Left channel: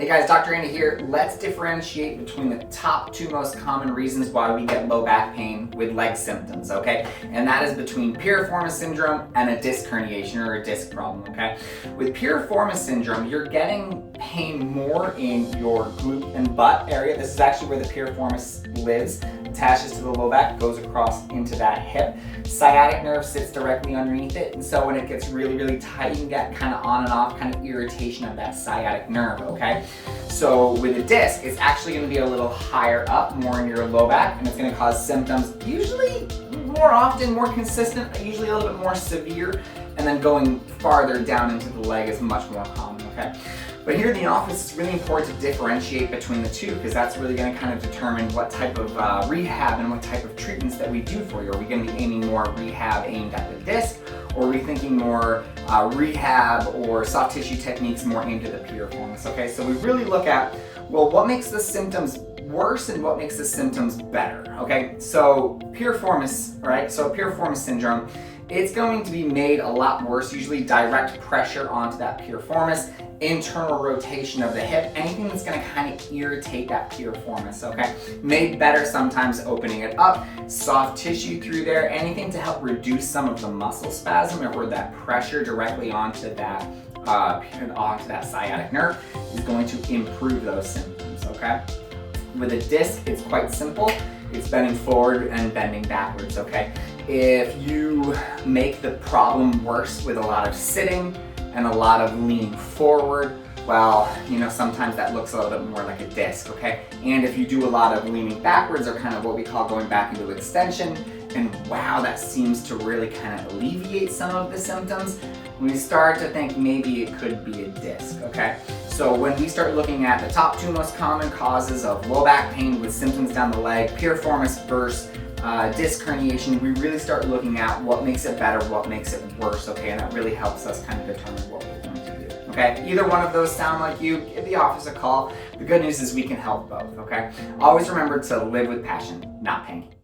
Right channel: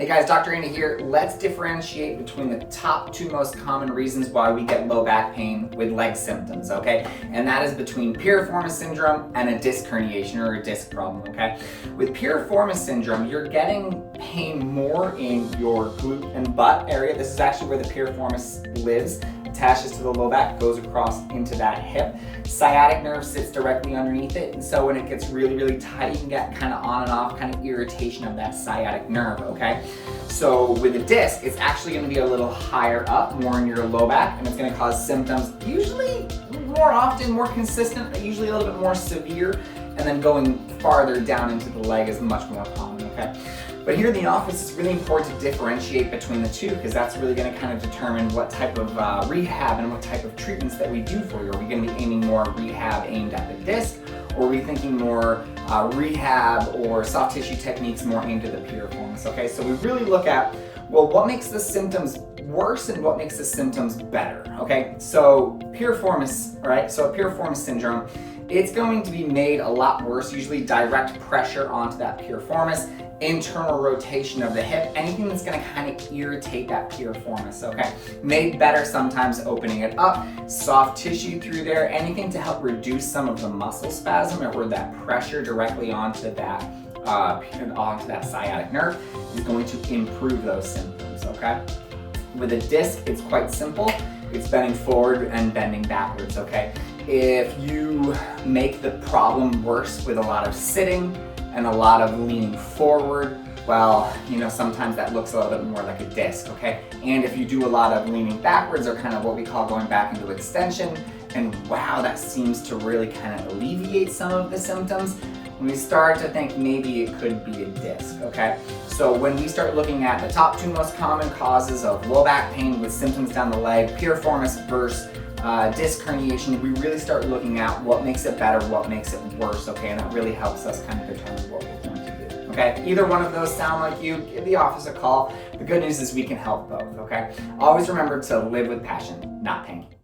Hey guys, Dr. Andy here. Let's differentiate between the top two most common reasons why we get low back pain with leg symptoms, okay? And that is between piriformis syndrome and a disc herniation or a disc problem, okay? With piriformis syndrome, you're getting pain more in your glute and butt area. This is actually where the piriformis lives. Attaches to the low back, goes across into that hip. Sciatic nerve sits directly underneath it, and so when it gets really, really tight, you can get kind of on and off kind of irritation of that sciatic nerve, okay? So with a disc, it's actually going to be a little higher up, more in your low back, and it's going to cause symptoms usually more often, more consistent, usually a little bit more severe, and then going farther down into the leg is much more common, okay? But here in the office, it's really important to differentiate between the two because that's really going to kind of determine what type of rehab and what type of treatments that we do for you. Are we going to be aiming more rehab aimed at the disc, or are we thinking more rehab or soft tissue techniques more aimed at the piriformis? Okay, so we really look at, well, what makes the symptoms worse and what makes the symptoms better? Okay, so piriformis, all right, so piriformis syndrome, it's going to be made a lot worse, usually direct pressure onto that piriformis, internal rotation of the hip, anything that's going to kind of irritate that piriformis, okay? Made better sometimes opening it up, soft tissue through there, anything to help reduce some of the muscle spasm or that pressure directly onto that sciatic nerve is going to improve those symptoms, okay? With a disc, it's quite simple. It's bending forward and bending backwards, okay? If you make the problem worse with a lot of sitting and a lot of leaning forward, well, you know, sometimes that looks a little bit more like a disc, okay? And if you do a lot of leaning backwards or kind of what we call going back into extension, and wow, that seems to really kind of alleviate some of the symptoms, we start to think maybe it could be a disc, okay? So when we start looking at the top two most common causes of low back pain with symptoms down the leg, piriformis versus disc herniation, we really start looking at what makes it better, what makes it worse, okay? And that really helps us kind of determine what we're going to do, okay? Either one of those sound like you, give the office a call. The good news is we can help both, okay? Always remember to live with passion, not pain.